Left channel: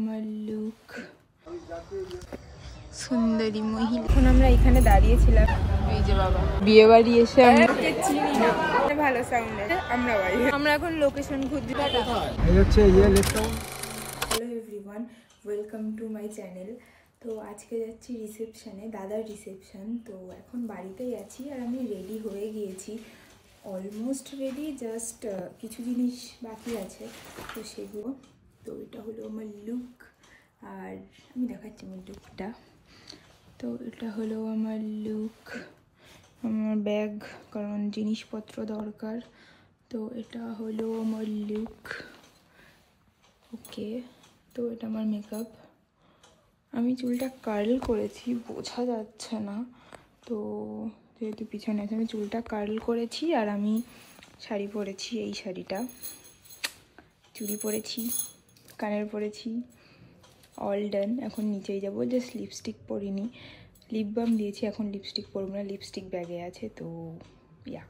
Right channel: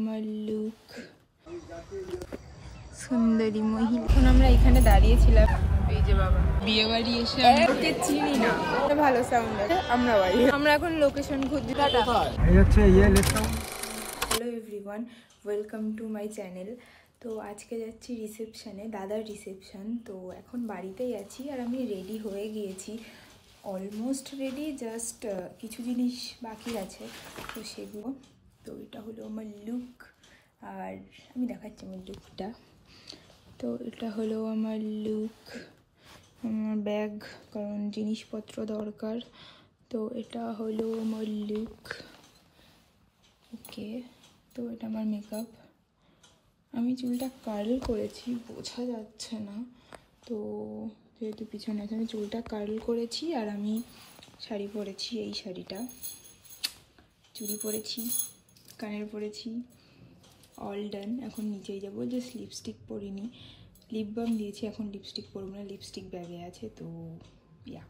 আমার লুক সুন্দরী মহিলা। এখন আমরা এখানে দাঁড়িয়েছিলাম, এই যে বাবা বিয়ে বাড়ি এসে আমরা ওকে চিনি না, ভালো সাউন্ড আছে। আমরা এখন লোকেশন খুঁজছি। Hello everyone, welcome to my channel. তো আজকে যাচ্ছি রিসেপশনে, দাদার রিসেপশন। তো এখন বাড়িতেই আছি আর আমি রেডি হয়ে গিয়েছি, অলমোস্ট রেডি, জাস্ট কিছু জিনিস বাকি আছে তো সেগুলো। তো এটা হলো আমার লুক আর আমি দেখাচ্ছি আমার লুকটা। তো এটা হলো আমার লুক, আমার ব্যাগ, কারণ জিনিসপত্র দরকার। তো এটা হলো আমার লুক, ওকে। তো এটা আমার মেকআপ। আমি চুলটা কার্ল করেছি, বোঝা যাচ্ছে না তো যেহেতু পিছনে আছে। আমি চুলটা কার্ল করেছি আর আমি শাড়ি পরেছি, এই শাড়িটা, চুড়ি পরেছি, কানের পরেছি, অল ডান। এখন নিচেই যাবো, জাস্ট লিপস্টিক পরিনি, লিপ বাম দিয়েছি, এখন লিপস্টিক পরবো না, লিপস্টিক ব্যাগে আছে। তো ইয়া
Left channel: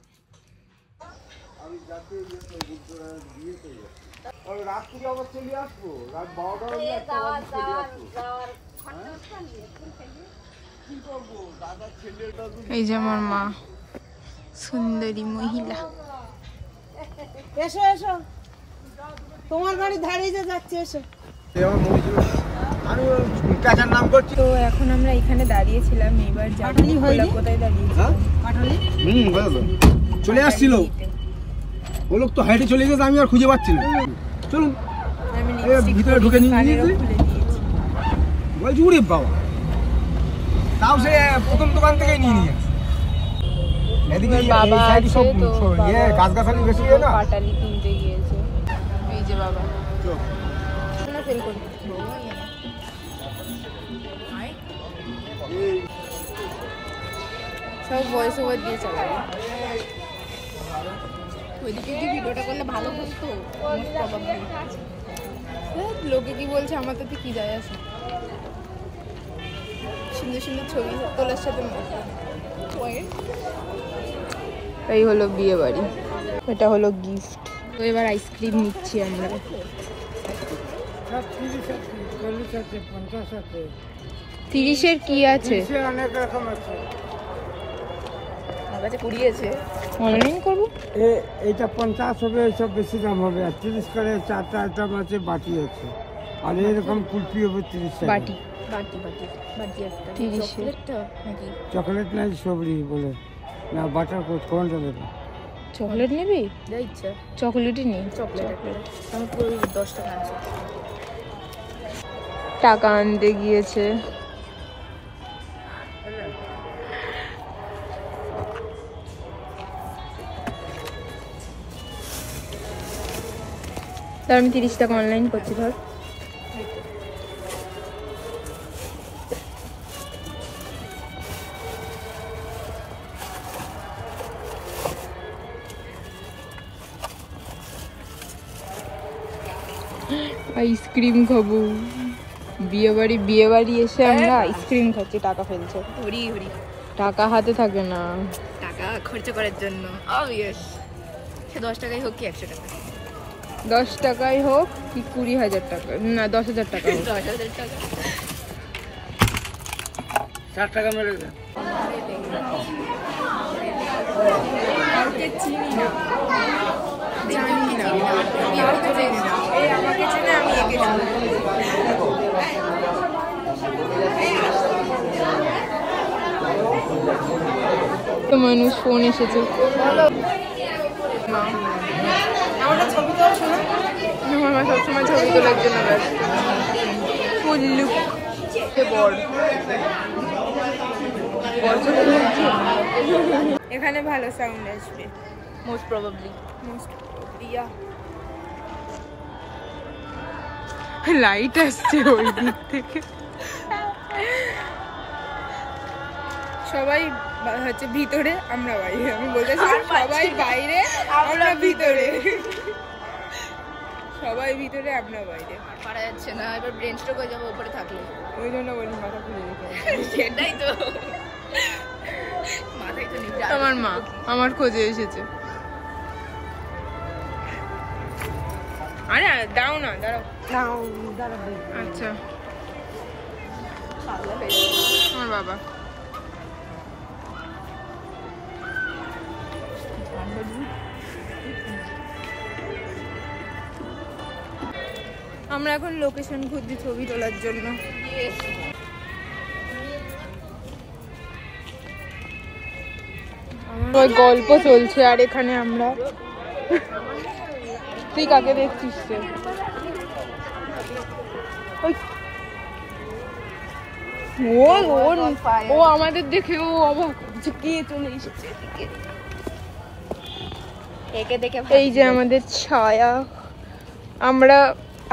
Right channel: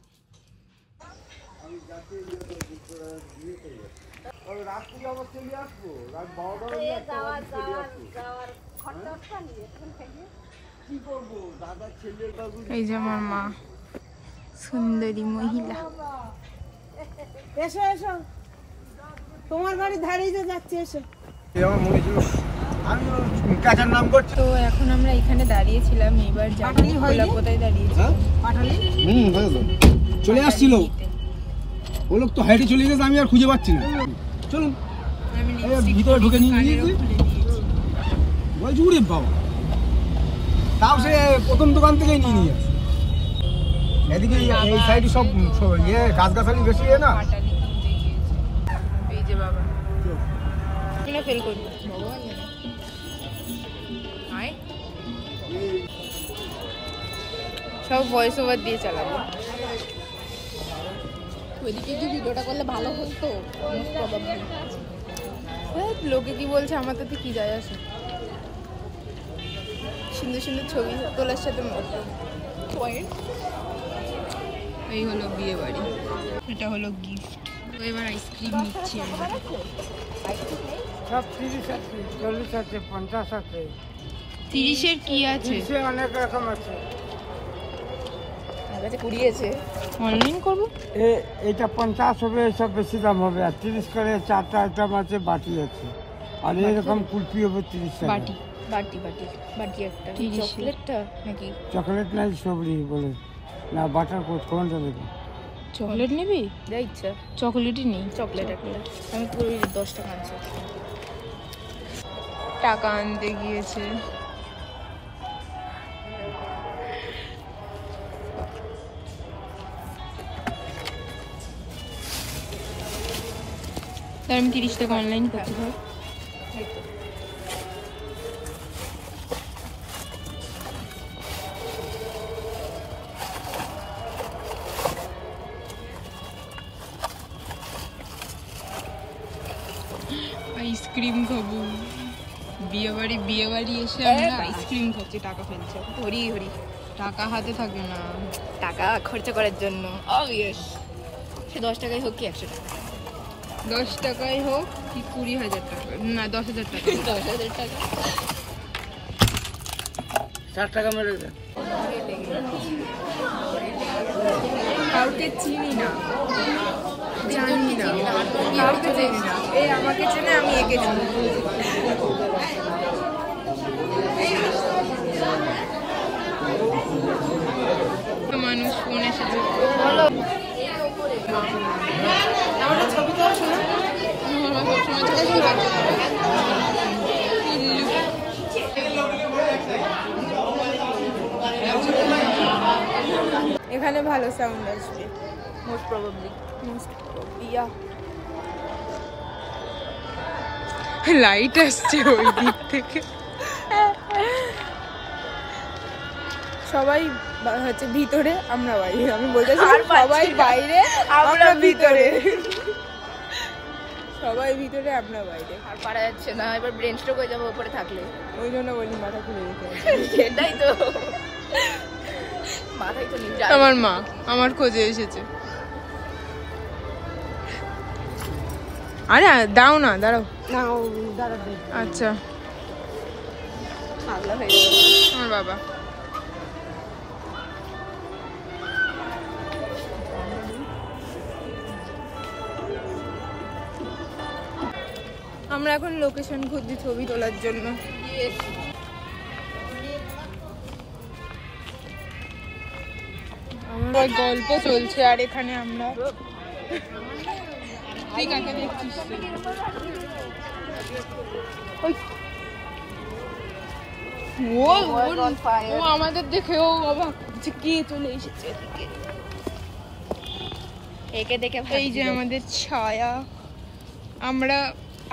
এই যে আমার মা, সুন্দরী মহিলা। এসো এসো, তোমার বাড়ি দাঁড়িয়ে যাচ্ছে, এসো। তো এখন আমরা এখানে দাঁড়িয়েছিলাম, এবার যাবো কোথায় দাঁড়িয়েছিলাম, চলে আসছিল ও লোক তো হাইটে চলে গেছে, আমি আর খুঁজে পাচ্ছি না। চলুন ভিতরে ঢুকে নিয়ে বলছি উড়ে বাবা, তাও সে প্রথম দোকান থেকেই নিয়ে নিয়ে আসে। এদিকে এই সাইডে সব ইয়ে গাছগাছালি বেশি না, পাটালি কিনতে গিয়েছে। এই যে বাবা না ফেল করবো, সব ভয়েস ওভার দিয়ে চালাবো। ওইদিকে কি ভিডিওটা করলে ভালো হতো, লোকে কি বলছে আমার তাতে কি যায় আসে। সুন্দর সুন্দর ছবি তোলার সাথে মতো। এই হলো বিয়ে বাড়ি, এটা হলো গিফট। তো এবার আইসক্রিম নিচ্ছি আমরা। সব 30 আছে, 40 আছে, 50 আছে। 30-এর কি আছে? অনেক রকম আছে। অনলাইন করবো। এইটা 50 হবে, সব বেশি দাম হবে। আর 30 করে 4টা আইটেম আছে, বাটি আছে। আর এরকম কুলফি হবে 30 টাকা। বাটি বাটি বাটি বাটি একটা 30। চকলেটটা নাকি? চকলেট নাই, সবরি বলে না, বাটার কোনটা দেবে? চকলেট নিবি? যা ইচ্ছা, চকলেটই নেই। চকলেট একটা আমি পুরো 10 টাকা আনছি। টাকা আনতে গিয়েছে। তার আমি 30 টাকা অনলাইন করছি। ধর আইসক্রিম খাবো। বিয়ে বাড়ি এসে আমরা আইসক্রিম খাচ্ছি, টাকা ফেলছে। হরি হরি, টাকা হাতে থাকে না, টাকা খরচ করার জন্য। অবভিয়াস, সে 10 টাকাই হোক কি 100 টাকা, 10 টাকাই হোক কি 20,000 টাকা, না 10,000 টাকা, 10,000 টাকা। 60 টাকা মেরে দেন। কাউকে চিনি না, জানি না, কাউকে চিনি না। এই আমাকে চেনে, আমি একে চিনি। তো মানুষ ফোন এসেছে, বলো আমাদের ছবি তো শোনো, আমার সবসময় ছবি তোলার জন্য। এখানে ভালো সাউন্ড আসবে, মোস্ট প্রবাবলি। লাইট আসছে ওই দিক থেকে। সবাই হচ্ছে ভিতরে, আমরা বাইরে। আমি বলতেছিলাম সবাই বাইরে, আমরা ভিতরে। সবাই ভিতরে, আমরা বাইরে। পারা যাচ্ছে না, এবার ব্রেন স্ট্রোক হয়ে যাবো উপরে থাকলে। ওই জন্য বলি মাথা খুলে যেতে। সেটাই তো, মাথায় তো নেই। আমার মা আমার খোঁজে এসেছে। আরে দাও না, দাঁড়াও। আচ্ছা আমার বাবা। আমরা এখন লোকেশন খুঁজছি ছবি তোলার জন্য। আমার ওই গল্প চলছে আর এখানে আমরা। তুই কাকে দেখছিস রে? ও আমাদের দেখেও অবাক কে চলে এসেছে এদিকে। এই যে আমাদের ছায়া। আমরা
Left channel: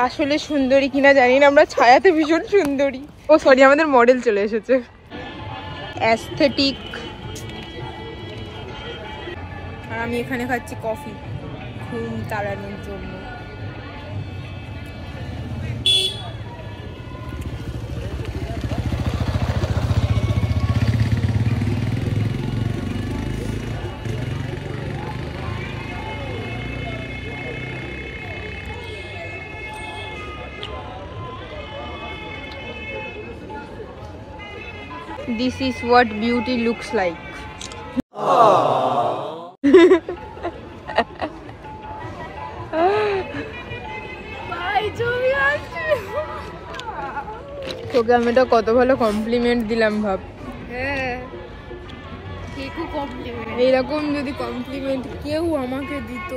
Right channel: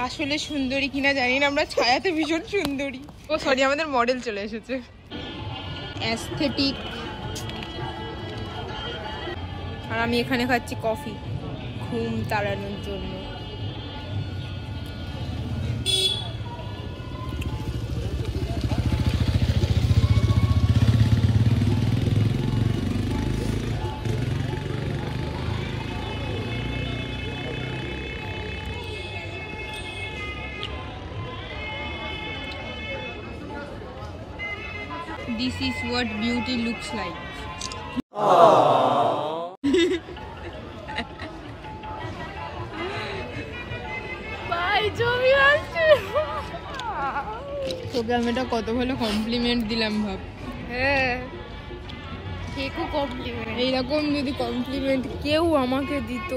আসলে সুন্দরী কিনা জানি না, আমরা ছায়াতে ভীষণ সুন্দরী। ও সরি, আমাদের মডেল চলে এসেছে। অ্যাস্থেটিক। আর আমি এখানে খাচ্ছি কফি ঘুম তাড়ানোর জন্য। This is what beauty looks like. তোকে আমি এটা কত ভালো কমপ্লিমেন্ট দিলাম ভাব। হ্যাঁ এইরকম যদি কমপ্লিমেন্ট কেউ আমাকে দিত,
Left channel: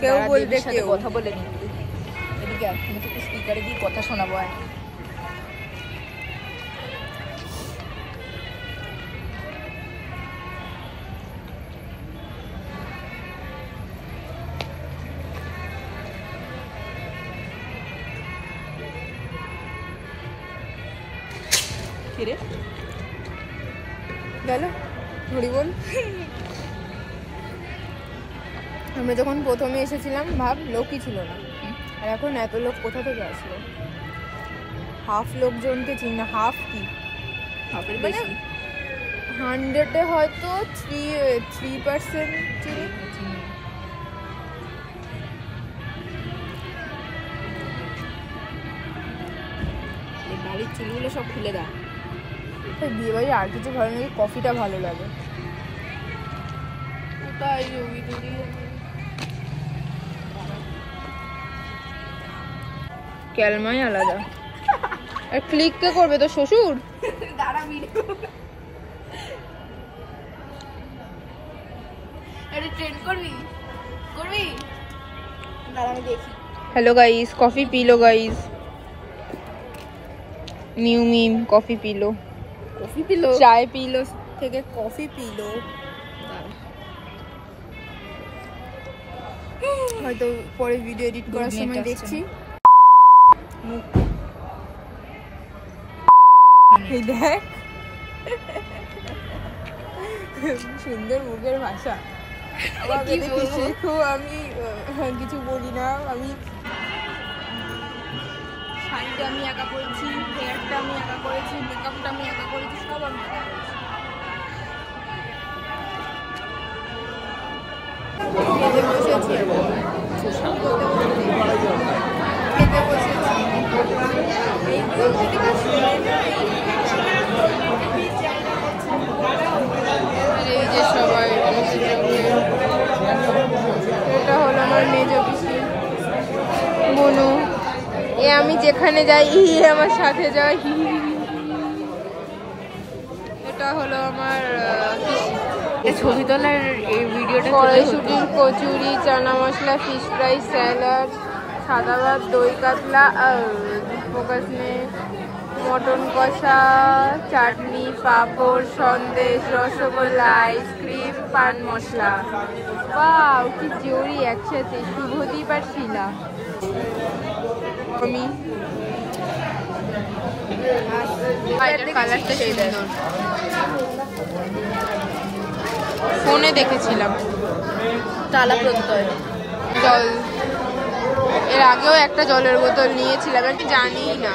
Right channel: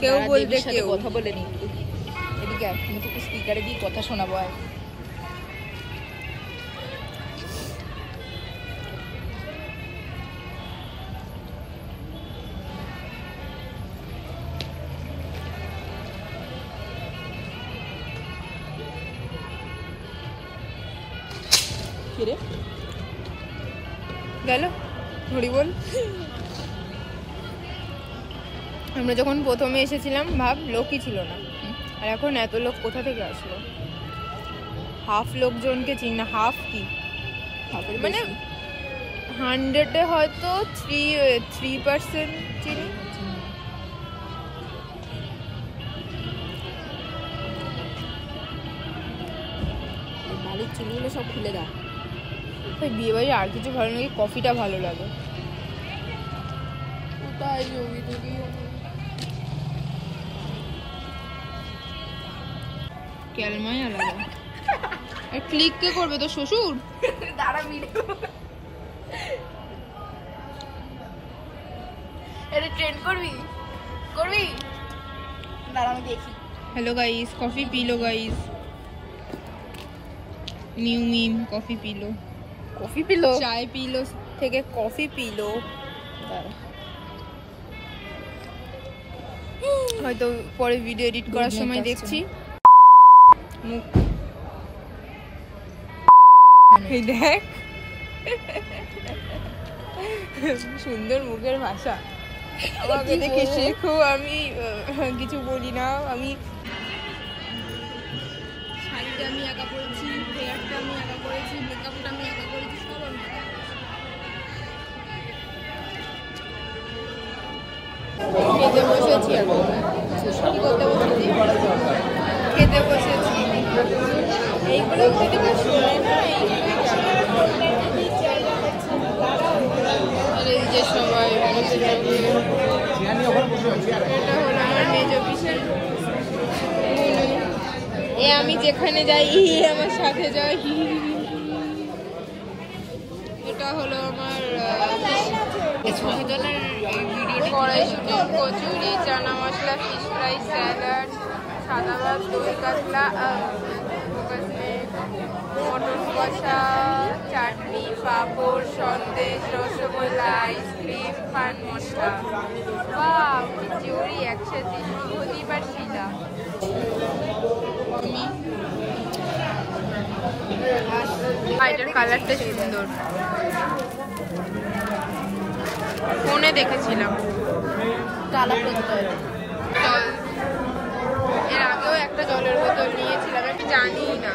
কেউ বলতে কেউ কথা বলে নি। এদিকে আমি তোকে স্পিকারে দিয়ে কথা শোনাবো। আর গেল হরি বল। আমরা যখন প্রথমে এসেছিলাম ভাব লোকই ছিল না, আর এখন এত লোক কোথা থেকে আসলো? হাফ লোকজনকে চিনি না। হাফ কি মানে 100-এ হয়তো 3% চিনি। বাড়ির চুলগুলো সব খুলে দাও। বিয়ে বাড়ি আর কিছু ভালো লাগে, কফিটা ভালো লাগে। ক্যালমাই আলাদা। আর ক্লিক কে করবে? তো শ্বশুর। हेलो गाइस, कॉफी पी लो गाइस। न्यू मीम, कॉफी पी लो। कॉफी पी लो, चाय पी लो থেকে কফি পি লো। হয়তো পরে ভিডিও এডিট করার সময় দেখছি। এই দেখ সুন্দর মুখের ভাষা। আমাকে দেখে শেখো। আমি কিছু বলি না। আমি শাড়িটা আমি একা করেছি, হেয়ারটা আমি একা করেছি, মেকআপটা আমি একা করেছি, সব আমি খেতে বসেছি। কি করতে বসেছি? খেতে বসেছি। এইগুলো যদি কেউ শুনে না। আর এই যে সবাই এটা হলো আমার মেজ পিসি মনু। এ আমি যেখানে যাই আমার সাথে যাই। এটা হলো আমার ছবি তোলার এই ভিডিওটা। কড়াইশুঁটি, kachori, chana masala, fish fry, salad, সাদা ভাত, দই কাতলা, মটন কষা, চাটনি, পাঁপড়, সন্দেশ, রসগোল্লা, আইসক্রিম, পান মশলা। ওয়াও, কি জুড়ি একসাথে। শুভদীপ আর শিলা। আমি এটার কালারটা সুন্দর। ফোনে দেখেছিলাম। জল, এর আগেও একটা জলের বোতল নিয়েছিলাম, আমি জানি না।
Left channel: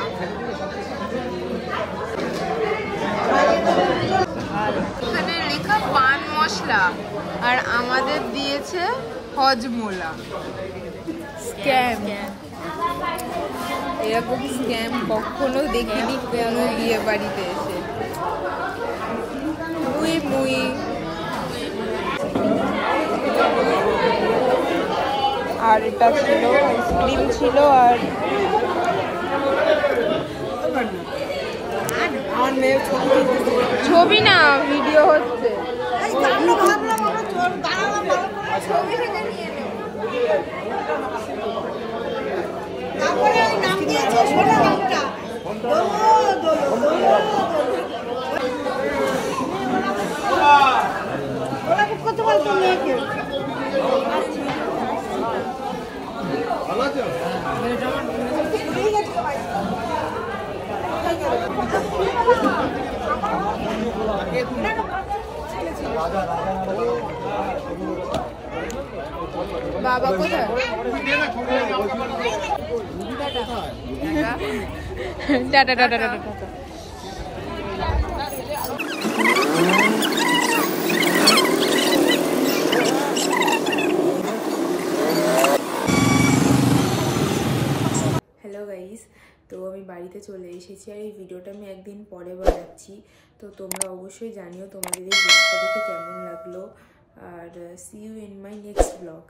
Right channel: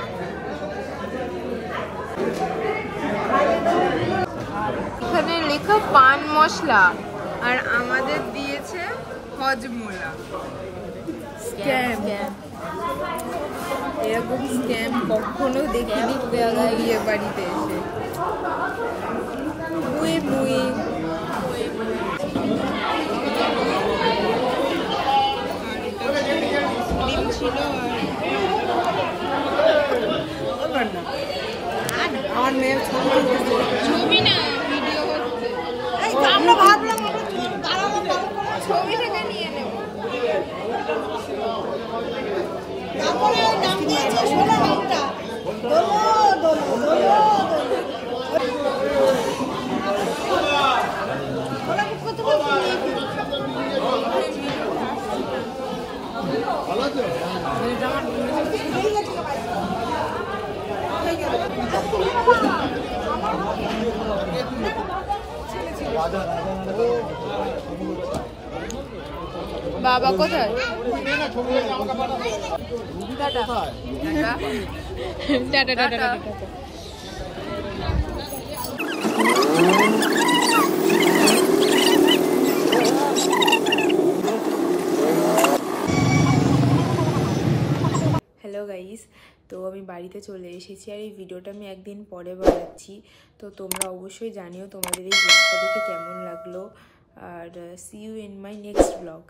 এখানে লেখা পান মশলা, আর আমাদের দিয়েছে হজমোলা। স্ক্যাম, এরকম স্ক্যাম কখনো দেখিনি কোনো বিয়ে বাড়িতে এসে। মুই মুই আর এটা ছিল আইসক্রিম ছিল আর আমার মেয়ের ছবি না ভিডিও হচ্ছে, ছবিটাকে নিয়ে নেব। বাবা কোথায়? Tata tata tata. Hello guys, তো আমি বাড়িতে চলে এসেছি আর এই ভিডিওটা আমি একদিন পরে বানাচ্ছি। তো তোমরা অবশ্যই জানিও তোমাদের এই ব্লগটা দেখে কেমন লাগলো। আর see you in my next blog.